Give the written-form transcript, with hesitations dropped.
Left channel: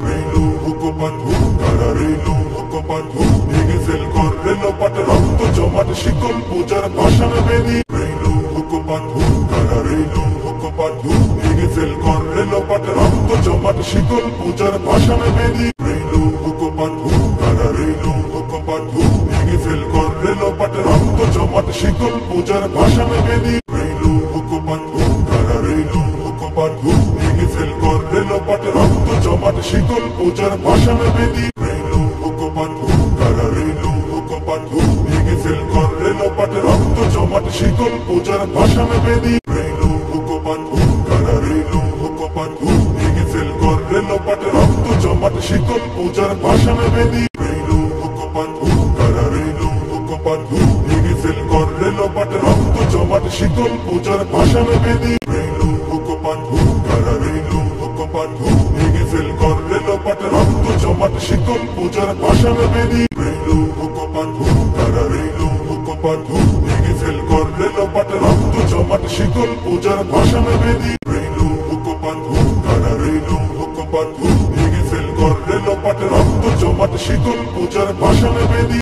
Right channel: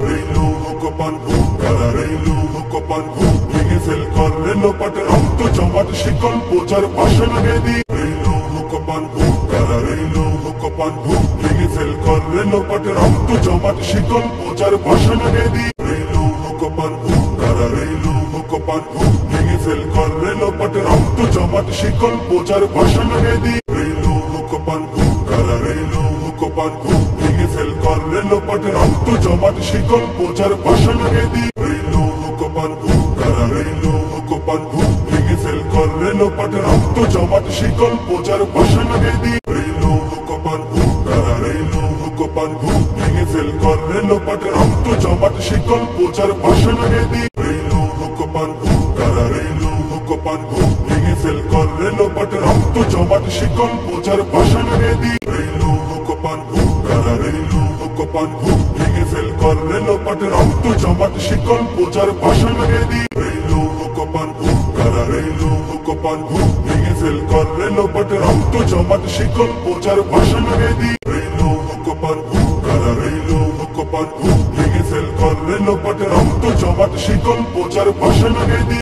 রেলু হুকোপান hook তারা রেলু হুকোপান hook ভেঙে fail কর রেলো পাটে রক্ত জমাট শিকল বোঝার পাষাণ বেদি রেলু হুকোপান হুক তারা রেলু হুকোপান হুক ভেঙে ফেল কর রেলো পাটে রক্ত জমাট শিকল বোঝার পাষাণ বেদি রেলু হুকোপান হুক তারা রেলু হুকোপান হুক ভেঙে ফেল কর রেলো পাটে রক্ত জমাট শিকল বোঝার পাষাণ বেদি রেলু হুকোপান হুক তারা রেলু হুকোপান হুক ভেঙে ফেল কর রেলো পাটে রক্ত জমাট শিকল বোঝার পাষাণ বেদি রেলু হুকোপান হুক তারা রেলু হুকোপান হুক ভেঙে ফেল কর রেলো পাটে রক্ত জমাট শিকল বোঝার পাষাণ বেদি রেলু হুকোপান হুক তারা রেলু হুকোপান হুক ভেঙে ফেল কর রেলো পাটে রক্ত জমাট শিকল বোঝার পাষাণ বেদি রেলু হুকোপান হুক তারা রেলু হুকোপান হুক ভেঙে ফেল কর রেলো পাটে রক্ত জমাট শিকল বোঝার পাষাণ বেদি রেলু হুকোপান হুক তারা রেলু হুকোপান হুক ভেঙে ফেল কর রেলো পাটে রক্ত জমাট শিকল বোঝার পাষাণ বেদি রেলু হুকোপান হুক তারা রেলু হুকোপান হুক ভেঙে ফেল কর রেলো পাটে রক্ত জমাট শিকল বোঝার পাষাণ বেদি রেলু হুকোপান হুক তারা রেলু হুকোপান হুক ভেঙে ফেল কর রেলো পাটে রক্ত জমাট শিকল বোঝার পাষাণ বেদি